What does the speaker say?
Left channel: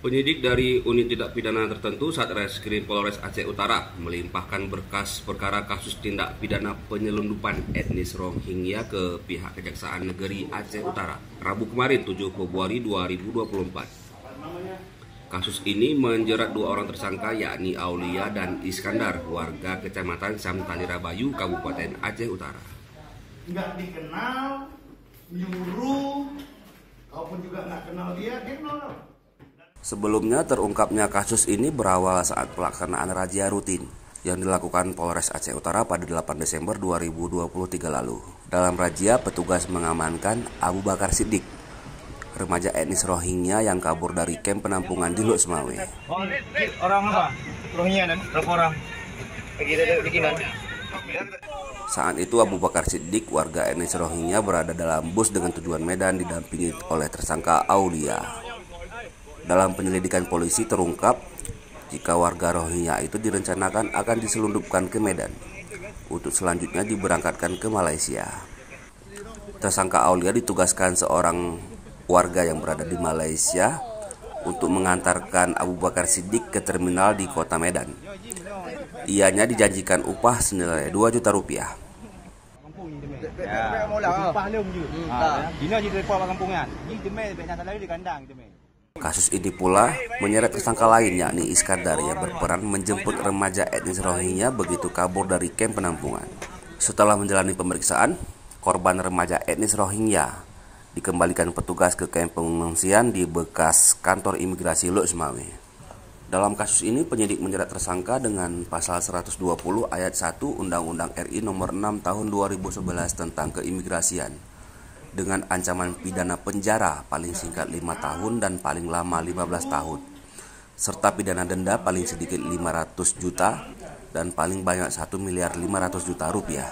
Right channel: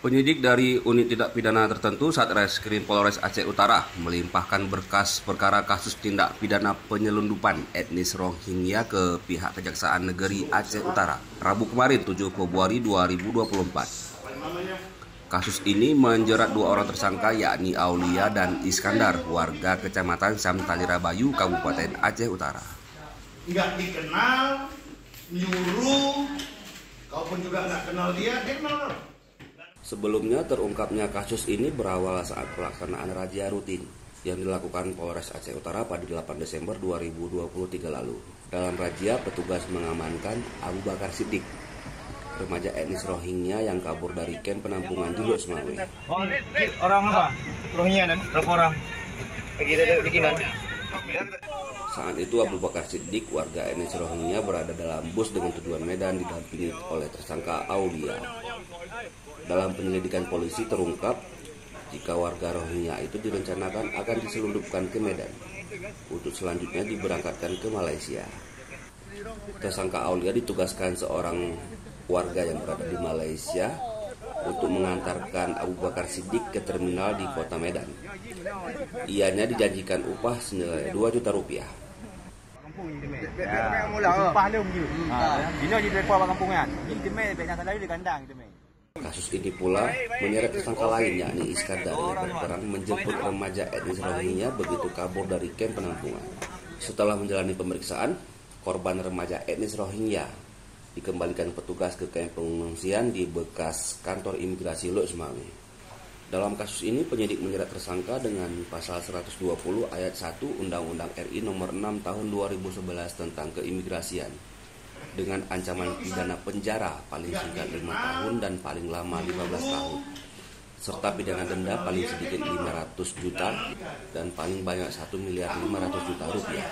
Penyidik dari Unit Tindak Pidana Tertentu Satreskrim Polres Aceh Utara melimpahkan berkas perkara kasus tindak pidana penyelundupan etnis Rohingya ke pihak Kejaksaan Negeri Aceh Utara Rabu kemarin 7 Februari 2024. Kasus ini menjerat dua orang tersangka yakni Aulia dan Iskandar, warga Kecamatan Samtalira Bayu, Kabupaten Aceh Utara. Nggak dikenal, nyuruh, kau pun juga nggak kenal dia kenal. Sebelumnya terungkapnya kasus ini berawal saat pelaksanaan razia rutin yang dilakukan Polres Aceh Utara pada 8 Desember 2023 lalu. Dalam razia, petugas mengamankan Abu Bakar Siddiq, remaja etnis Rohingya yang kabur dari kamp penampungan di Lok Semawe. Orang apa? Rohingya dan berapa orang? Saat itu Abu Bakar Siddiq, warga etnis Rohingya, berada dalam bus dengan tujuan Medan didampingi oleh tersangka Aulia. Dalam penyelidikan polisi terungkap jika warga Rohingya itu direncanakan akan diselundupkan ke Medan untuk selanjutnya diberangkatkan ke Malaysia. Tersangka Aulia ditugaskan seorang warga yang berada di Malaysia untuk mengantarkan Abu Bakar Siddiq ke terminal di kota Medan. Ianya dijanjikan upah senilai 2 juta rupiah. Kasus ini pula menyeret tersangka lain yakni Iskandar yang berperan menjemput remaja etnis Rohingya begitu kabur dari kamp penampungan. Setelah menjalani pemeriksaan, korban remaja etnis Rohingya dikembalikan petugas ke kamp pengungsian di bekas kantor imigrasi Lok Semawe. Dalam kasus ini penyidik menjerat tersangka dengan pasal 120 ayat 1 Undang-Undang RI nomor 6 tahun 2011 tentang keimigrasian dengan ancaman pidana penjara paling singkat 5 tahun dan paling lama 15 tahun serta pidana denda paling sedikit 500 juta dan paling banyak 1.500.000.000 rupiah.